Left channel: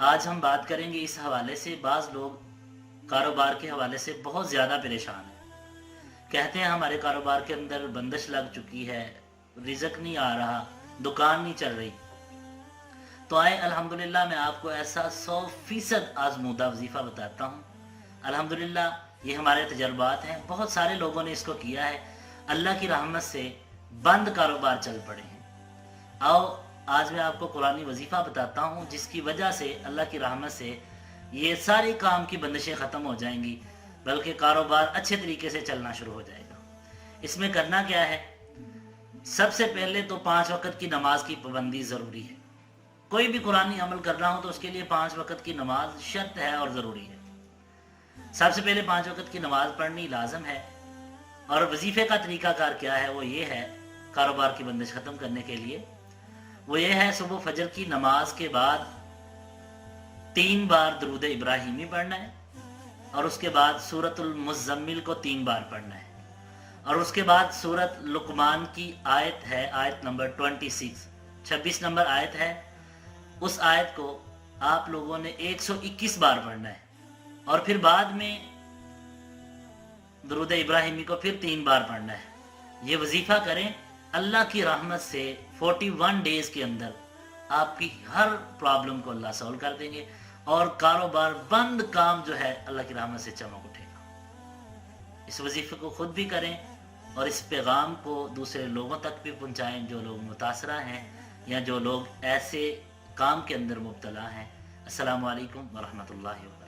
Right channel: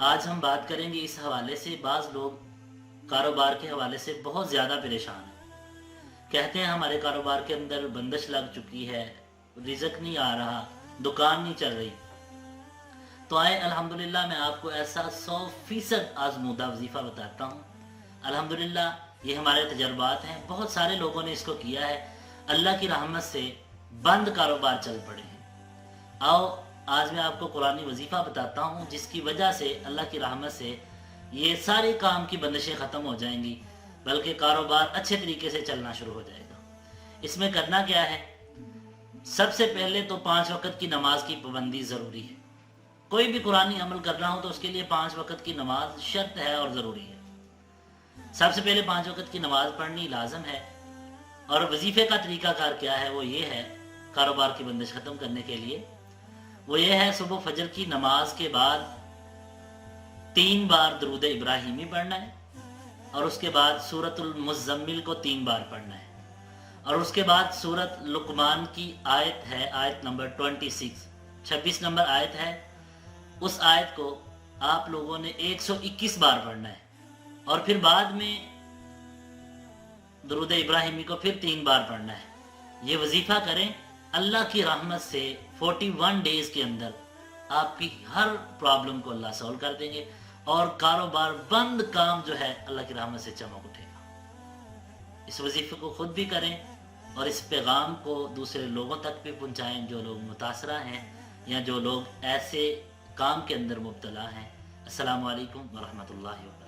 آج ہم بات کریں گے اس حوالے سے، بعض لوگ کاروبار کے حوالے سے بہت زیادہ پریشان ہیں، کہتے ہیں ہمارے کاروبار کے اندر بندش لگ چکی ہے، رزق نہیں آ رہا، دکان نہیں چل رہی۔ تو آئے الحمدللہ میں آپ کو ایسا 100% آزمودہ وظیفہ بتاتا ہوں۔ الحمدللہ یہ ہمارے تجربات ہیں، بہت سارے لوگوں نے اس کو کیا ہے، اللہ کی رحمت سے بند کاروبار چل پڑے ہیں۔ آؤ آج میں آپ کو قرآنی وظیفہ بتاتا ہوں جس کی وجہ سے اللہ کی رحمت سے یہ ساری کام کی بندشیں ختم ہو جائیں گی، بلکہ کاروبار اچھے طریقے سے چلنا شروع ہو جائے گا۔ اس میں کرنا کیا ہے؟ سب سے پہلے تو 5 وقت کی نماز کی پابندی ضروری ہے۔ کوئی بھی قرآنی عمل کرنا ہو تو اس کے لیے 5 وقت کی نماز شرط ہے اور ضروری ہے۔ سب سے پہلے 5 وقت کی نماز پڑھنی لازم ہے۔ اور وظیفے کا طریقہ کار کیا ہے؟ وہ یہ ہے، کاروبار کی بندش ختم کرنے کے لیے وہ یہ ہے، صبح فجر کی نماز کے بعد 3 بار درود ابراہیمی پڑھنا ہے، اور اس کے بعد سورۃ المزمل کو 3 بار پڑھنا ہے، اور اس کے بعد سورۃ لقمان کی آیت ہے، آیت نمبر 26 نمبر آیت ہے، اس آیت کو آپ لوگوں نے 121 بار پڑھنا ہے، اور پھر بعد میں درود ابراہیمی کو پھر 3 بار پڑھنا ہے۔ یہ وظیفہ کریں، اللہ کی رحمت سے 41 ڈیز کے اندر آپ کی ہر پرابلم کو اللہ سولو کر دیں گے، اور کاروبار بند کام جو ہے اللہ کی رحمت سے چمک اٹھے گا۔ اس وظیفے کو خود بھی کریں اور اس پیغام کو دوسرے لوگوں تک بھی پہنچائیں جو لوگ متاثرہ ہیں یا جو لوگ ایسے کام کے اندر مبتلا ہیں۔ السلام علیکم ورحمۃ اللہ وبرکاتہ۔